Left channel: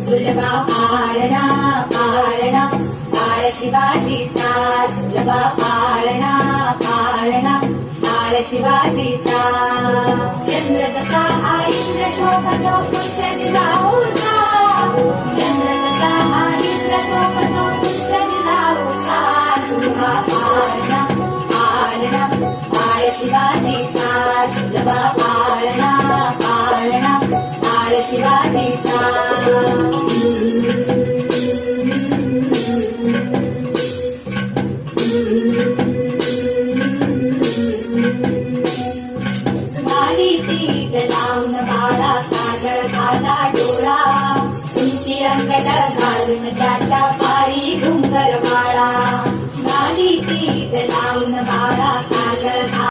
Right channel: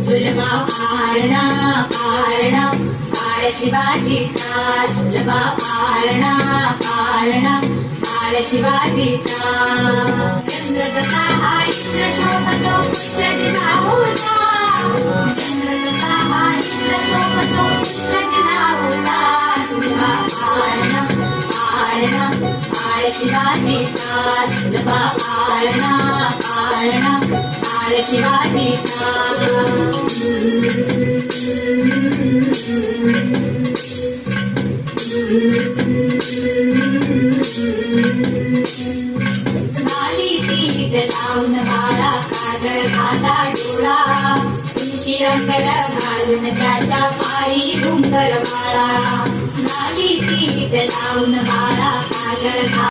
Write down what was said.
सुलभा पाळणा पाळणा पाळ शिवाजीचा सुलभा पाळणा पाळणा पाळ शिवाजीचा चंद्र कसा हा इंद्र शोभतो पुत्र जिजाऊचा चंद्र कसा हा इंद्र शोभतो पुत्र जिजाऊचा सुलभा पाळणा पाळणा पाळ शिवाजीचा